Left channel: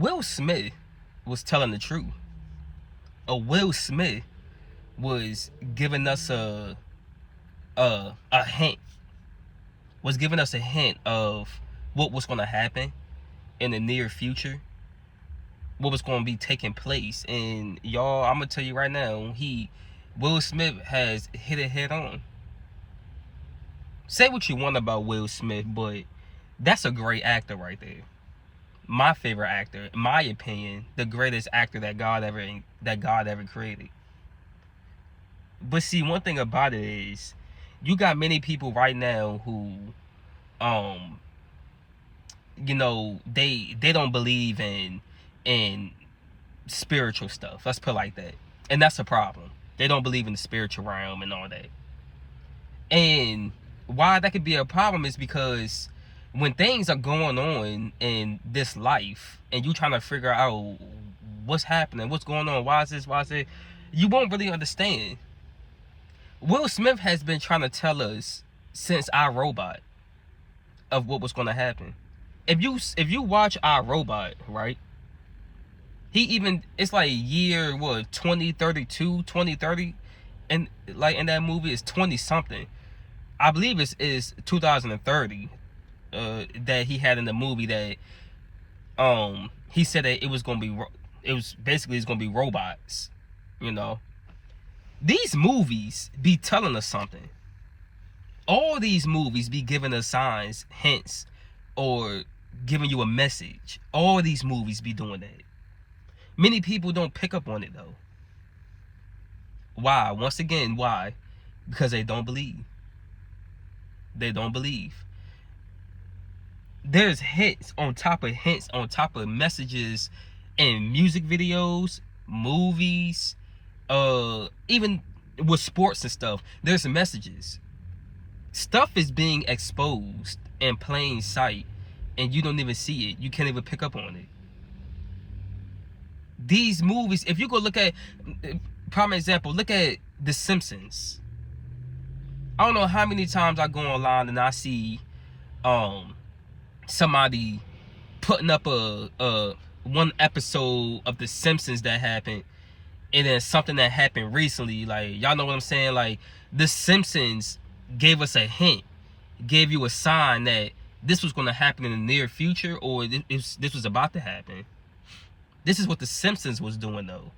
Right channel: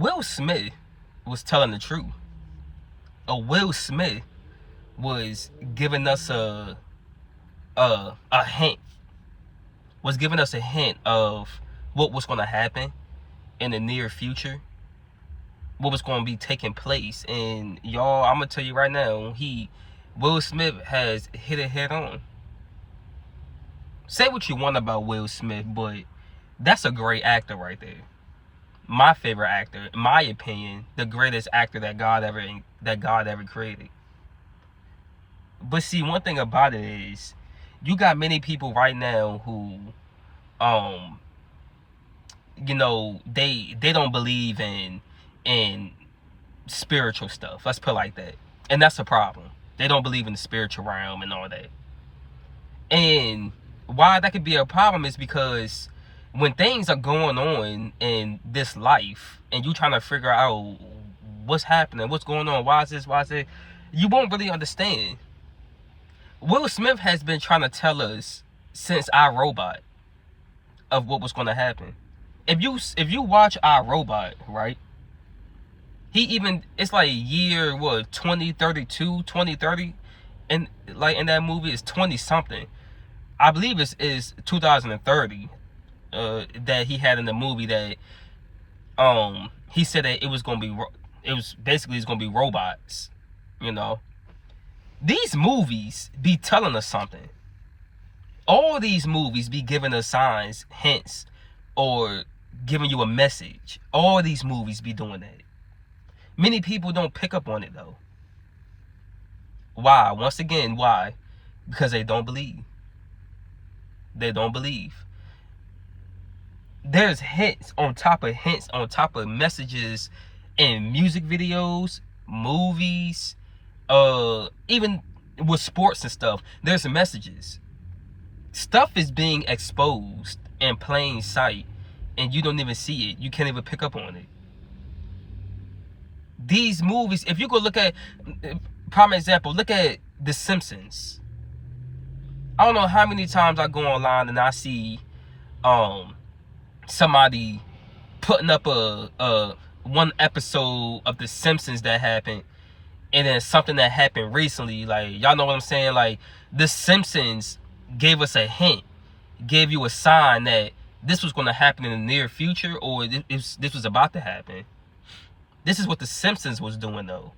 Will Smith was telling the truth. Will Smith was giving us a hint. Was giving us a hint of what was going to happen in the near future. What was going to be taking place. And y'all, I'm gonna tell you right now, Will Smith has hit it head on. Say what you want about Will Smith, but that's a great actor right there. My favorite actor, in my opinion, the greatest actor that God ever created. But see, one thing about it is, you got many people right now who, they don't believe in spiritual stuff. Let's put it like that, and that's a problem. They don't believe in the spiritual realm and all that. And why that could be a problem is because when things are going on in this life and you trying to figure out what's happening, what's going on, why is it, you won't really understand. Will Smith has been trying to tell us since iRobot of what was going to happen. If you watch iRobot, right? It's like year 2032, 2030, and like in that movie is 20 something. I believe is 2030 that he had in the movie that he said that it's gonna be robots, you know. These movies be telling us something. All these movies be giving us signs, hints, or giving you a message. All these movies be doing that. Many people don't pick up on it though. Why? Once again, why? Because they don't believe. They don't believe. There's hints on top of messages in music videos, movies, even with sports and stuff. There's messages. Stuff is being exposed in plain sight, and you don't even see it. You can't even pick up on it. These movies, if you go look at, prime example, look at The Simpsons. I don't know how many times I go online and I see somebody putting up a one episode of The Simpsons that happened, and then something that happened recently. Like, y'all know what I'm saying? Like, The Simpsons gave us a hint, gave you a sign that this was going to happen in the near future, or this was about to happen. This is what The Simpsons was doing, though.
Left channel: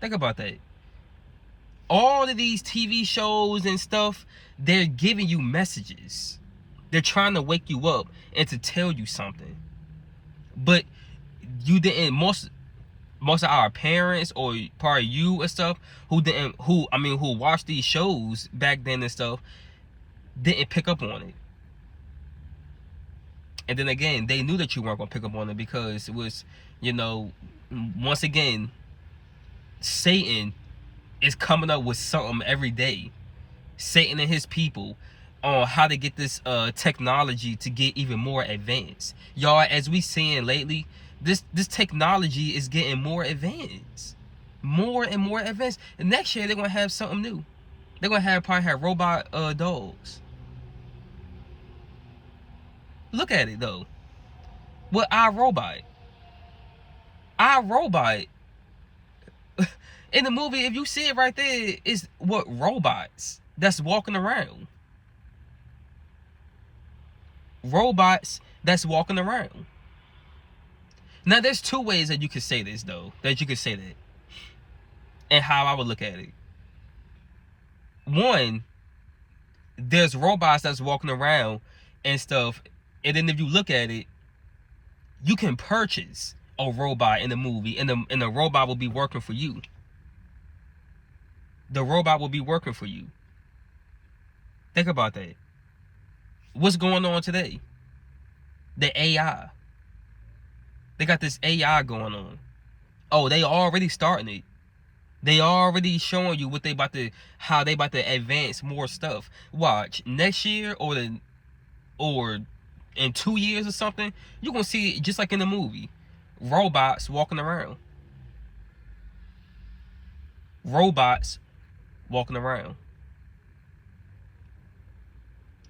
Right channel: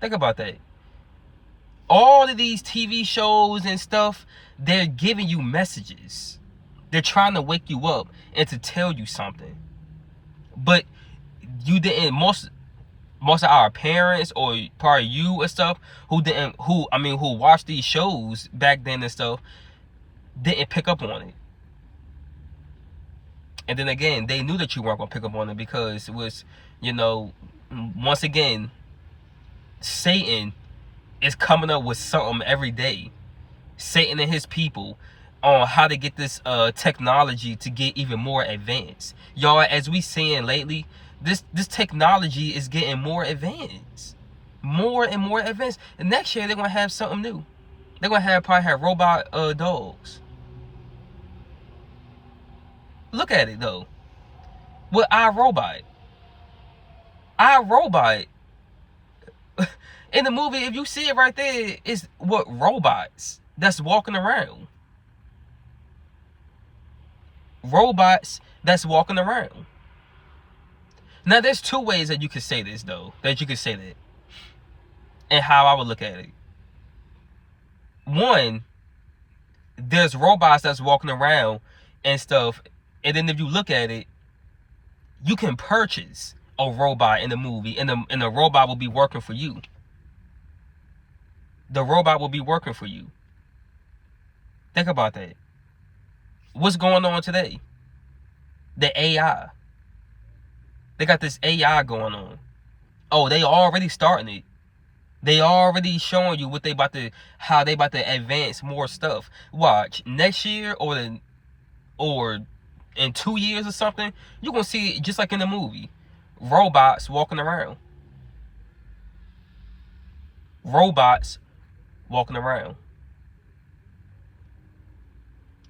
Think about that. All of these TV shows and stuff, they're giving you messages. They're trying to wake you up and to tell you something. But you didn't, most of our parents or probably you and stuff who watched these shows back then and stuff, didn't pick up on it. And then again, they knew that you weren't going to pick up on it because it was, once again, Satan is coming up with something every day. Satan and his people on how to get this technology to get even more advanced. Y'all, as we seeing lately, this technology is getting more advanced. More and more advanced. And next year, they're going to have something new. They're going to probably have robot dogs. Look at it, though. With iRobot. iRobot. In the movie, if you see it right there, it's what robots that's walking around. Robots that's walking around. Now, there's two ways that you could say this, though. That you could say that. And how I would look at it. One, there's robots that's walking around and stuff. And then if you look at it, you can purchase a robot in the movie. And the robot will be working for you. The robot will be working for you. Think about that. What's going on today? The AI. They got this AI going on. Oh, they already starting it. They already showing you how they about to advance more stuff. Watch, next year or in 2 years or something, you're gonna see it just like in the movie. Robots walking around. Robots walking around.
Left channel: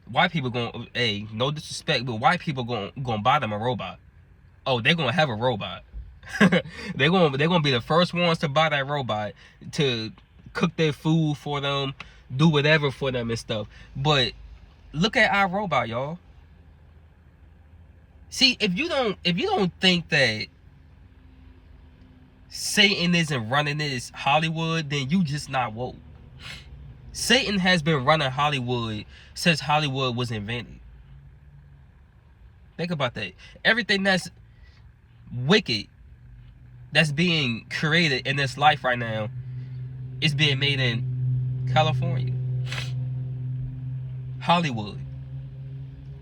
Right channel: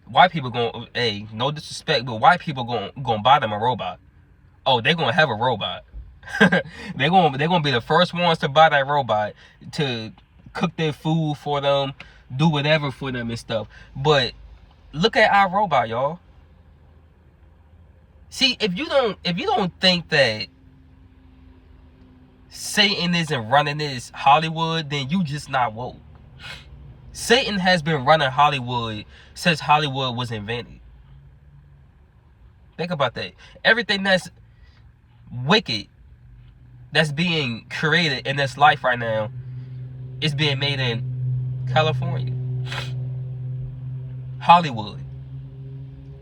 White people no disrespect, but white people going buy them a robot. oh, they're gonna have a robot. they're gonna be the first ones to buy that robot to cook their food for them, do whatever for them and stuff. But look at our robot, y'all. See, if you don't think that Satan isn't running this Hollywood, then you just not woke. Satan has been running Hollywood since Hollywood was invented. Think about that. Everything that's wicked, that's being created in this life right now, is being made in California. Hollywood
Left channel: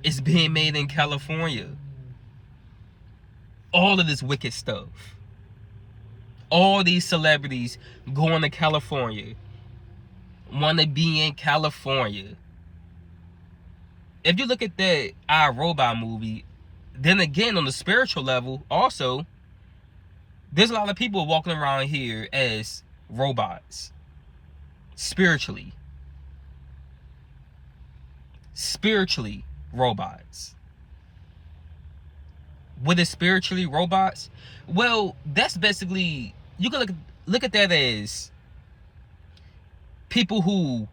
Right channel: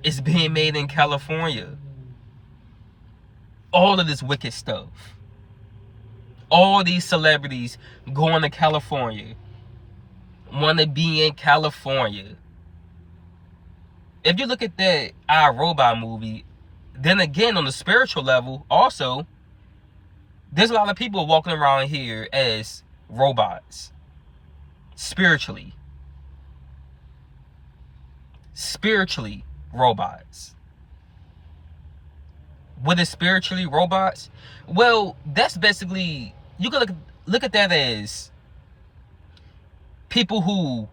is being made in California. All of this wicked stuff. All these celebrities going to California, want to be in California. If you look at that I, Robot movie, then again on the spiritual level, also, there's a lot of people walking around here as robots. Spiritually robots. What is spiritually robots? Well, that's basically, you can look at that as people who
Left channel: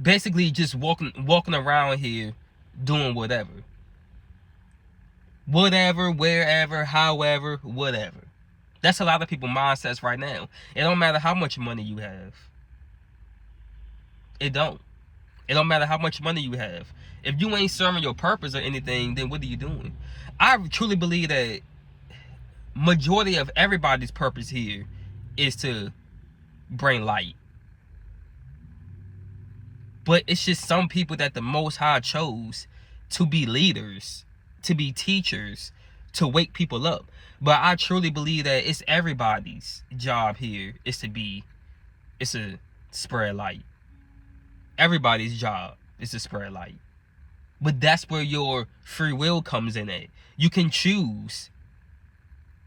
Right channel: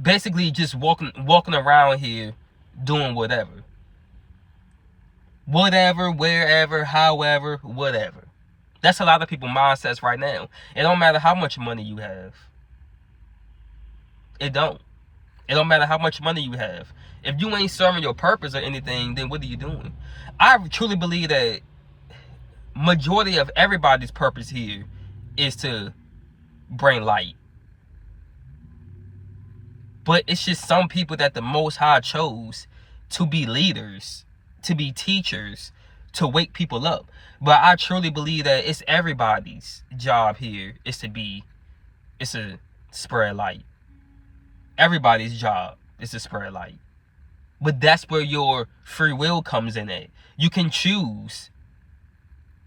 basically just walking around here doing whatever, wherever, however, whatever. That's a lot of people's mindsets right now. It don't matter how much money you have. It don't matter how much money you have. If you ain't serving your purpose or anything, then what are you doing? I truly believe that majority of everybody's purpose here is to bring light. But it's just some people that the Most High chose to be leaders, to be teachers, to wake people up. But I truly believe that it's everybody's job here is to spread light. Everybody's job is to spread light. But that's where your free will comes in at. You can choose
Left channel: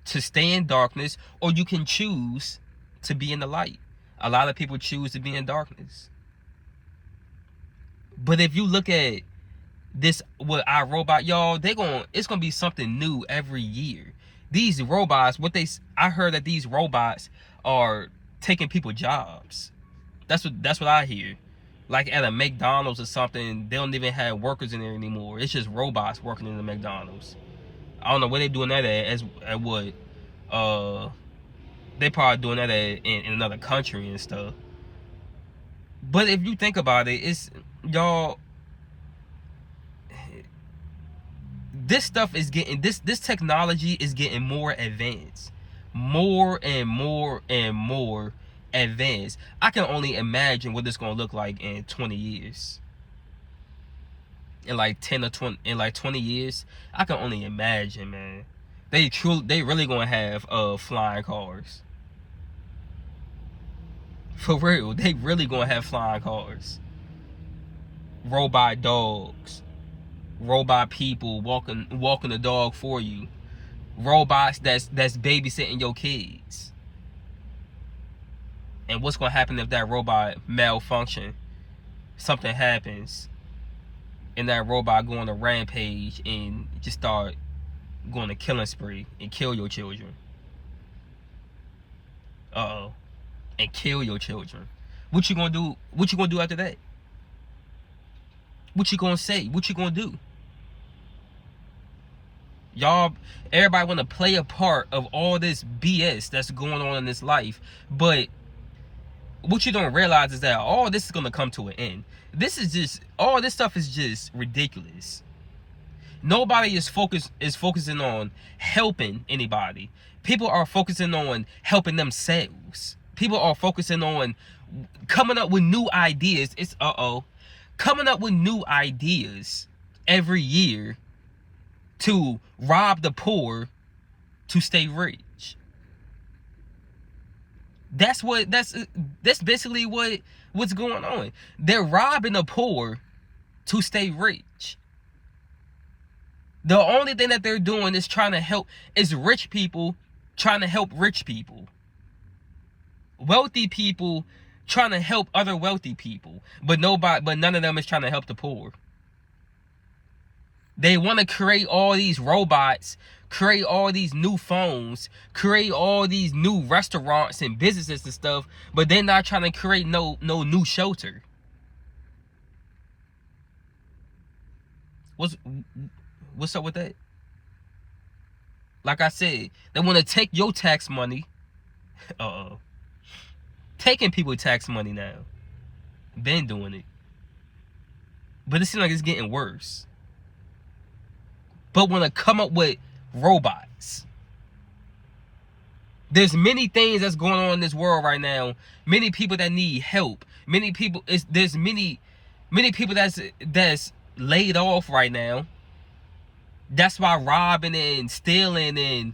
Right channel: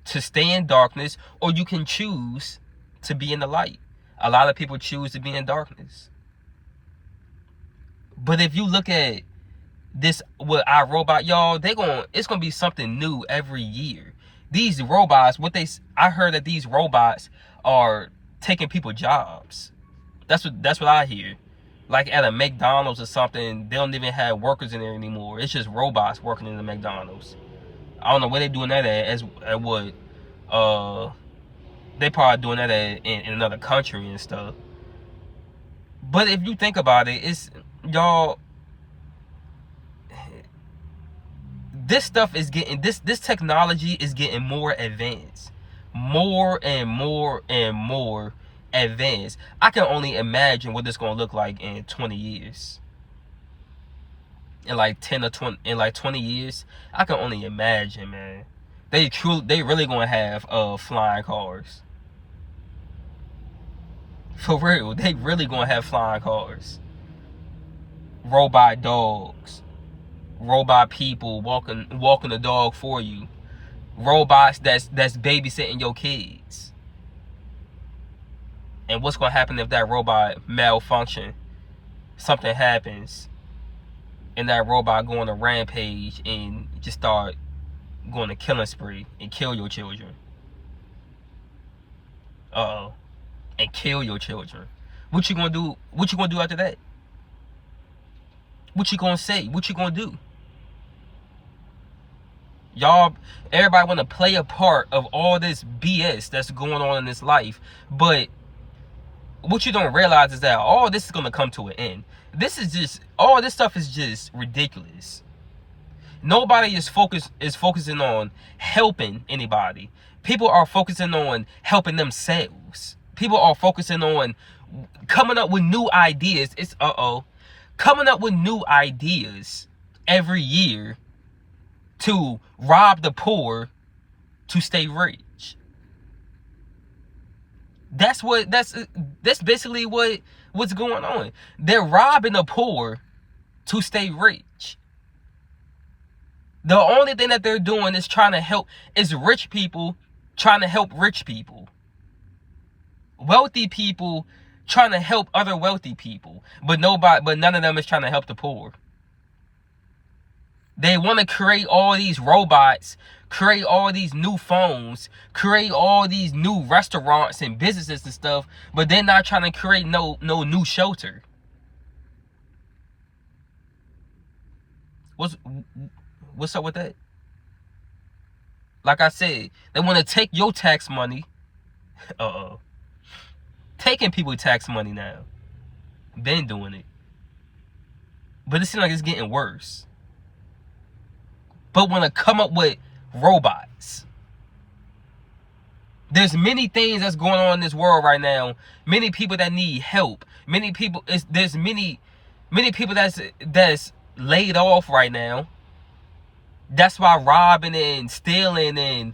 to stay in darkness, or you can choose to be in the light. A lot of people choose to be in darkness. But if you look at this with our robot, y'all, it's gonna be something new every year. These robots, I heard that these robots are taking people's jobs. That's what I hear. Like at a McDonald's or something, they don't even have workers in there anymore. It's just robots working in the McDonald's. I don't know where they're doing that at what. They probably doing that in another country and stuff. But if you think about it, it's, y'all, this stuff is getting, this technology is getting more advanced. More and more and more advanced. I can only imagine what it's going to look like in 20 years. In like 10 or 20, in like 20 years, I can only imagine, man. They really going to have flying cars. For real, they really going to have flying cars. Robot dogs. Robot people walking the dog for you. Robots that's babysitting your kids. And what's going to happen if that robot malfunction? Something happens, and that robot go on a rampage and just start going to killing spree and kill your children. And kill your children. What you gonna do? What you gonna do after that? What you gonna say? What you gonna do? Y'all, everybody want to play a part of all this BS that's going on in this life, but what you don't realize is that all this is gonna come to an end. All this stuff is just ridiculous. Nobody is focusing on helping anybody. People are focusing on helping themselves. People are focusing on coming up with new ideas. Coming up with new ideas every year to rob the poor to stay rich. That's basically what's going on. They're robbing the poor to stay rich. The only thing that they're doing is trying to help is rich people trying to help rich people. Wealthy people trying to help other wealthy people, but none of them is trying to help the poor. They want to create all these robots, create all these new phones, create all these new restaurants and businesses and stuff, but they're not trying to create no new shelter. What's up with that? Like I said, they want to take your tax money. Taking people tax money now. Been doing it. But it seems like it's getting worse. But want to come up with robots. There's many things that's going on in this world right now. Many people that need help. Many people, there's many people that's laid off right now. That's why robbing and stealing and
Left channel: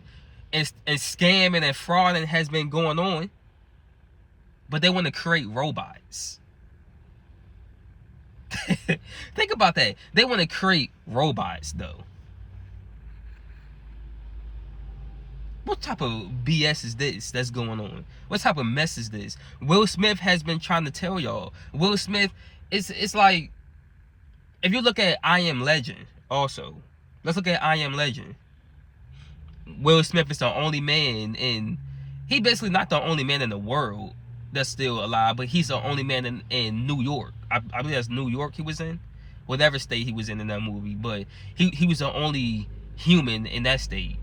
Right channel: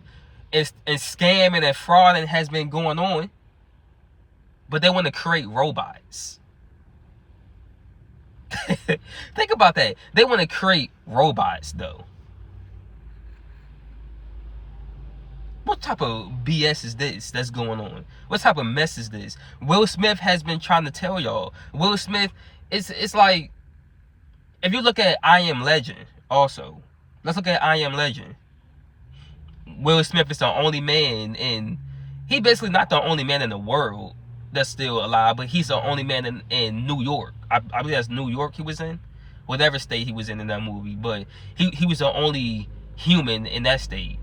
scamming and frauding has been going on. But they want to create robots. Think about that. They want to create robots, though. What type of BS is this that's going on? What type of mess is this? Will Smith has been trying to tell y'all. Will Smith, it's like, if you look at I Am Legend also. Let's look at I Am Legend. Will Smith is the only man, and he basically not the only man in the world that's still alive, but he's the only man in New York. I believe that's New York he was in. Whatever state he was in that movie. But he was the only human in that state.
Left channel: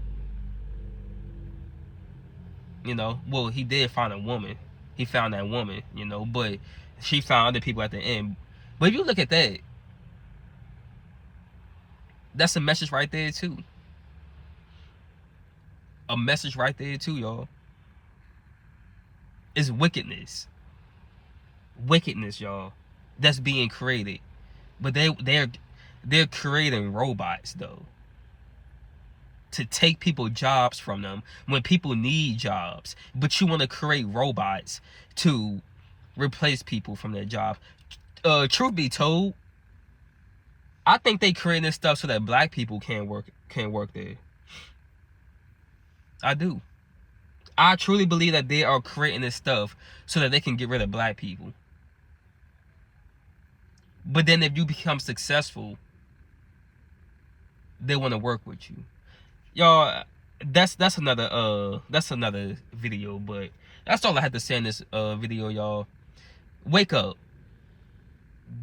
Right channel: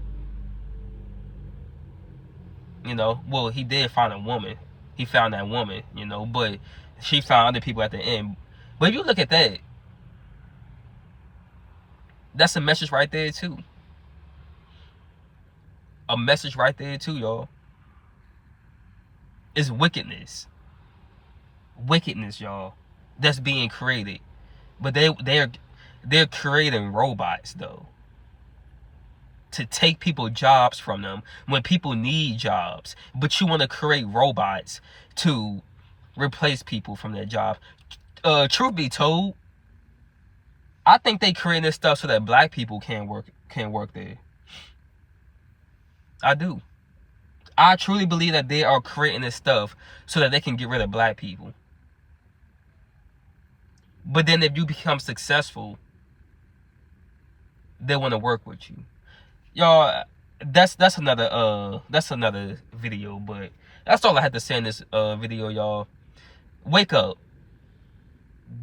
You know, well, he did find a woman. He found that woman, you know, but she found other people at the end. But if you look at that, that's a message right there too. A message right there too, y'all. It's wickedness. Wickedness, y'all. That's being created. But they're creating robots though. To take people jobs from them when people need jobs. But you want to create robots to replace people from their job. Truth be told, I think they created this stuff so that black people can't work there. I do. I truly believe that they are creating this stuff so that they can get rid of black people. But then if you become successful, they want to work with you. Y'all, that's another video, but that's all I had to say in this video, y'all. Wake up.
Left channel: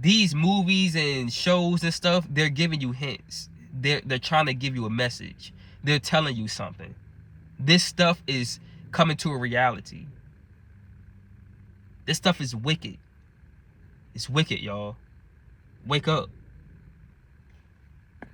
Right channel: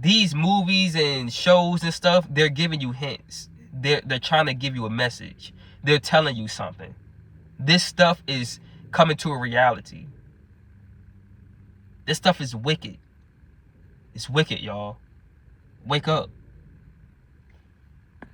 These movies and shows and stuff, they're giving you hints. They're trying to give you a message. They're telling you something. This stuff is coming to a reality. This stuff is wicked. It's wicked, y'all. Wake up.